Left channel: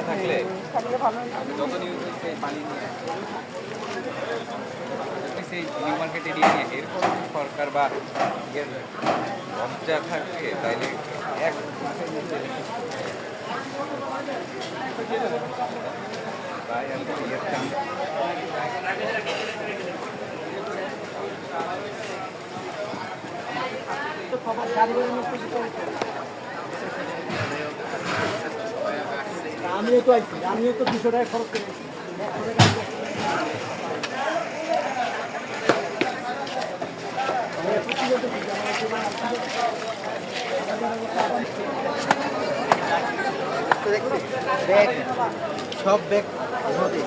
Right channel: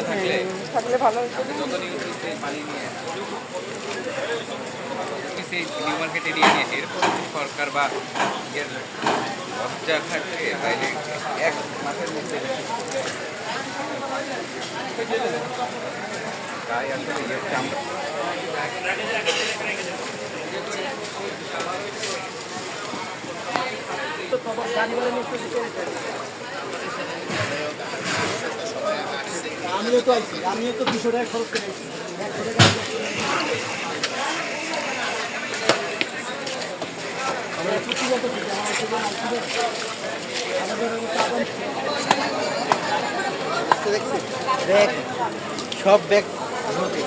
থাকলে থাকলে পানি নিয়ে সেই নিয়ে এরপর সরকার বা লজ্জা থাকে তাইলে এক মাসের মধ্যে আমিও তো আইছি আমিও তো দুশো টাকা খরচ করে একশো টাকা ব্যাগ সব ব্যাগ ঘরে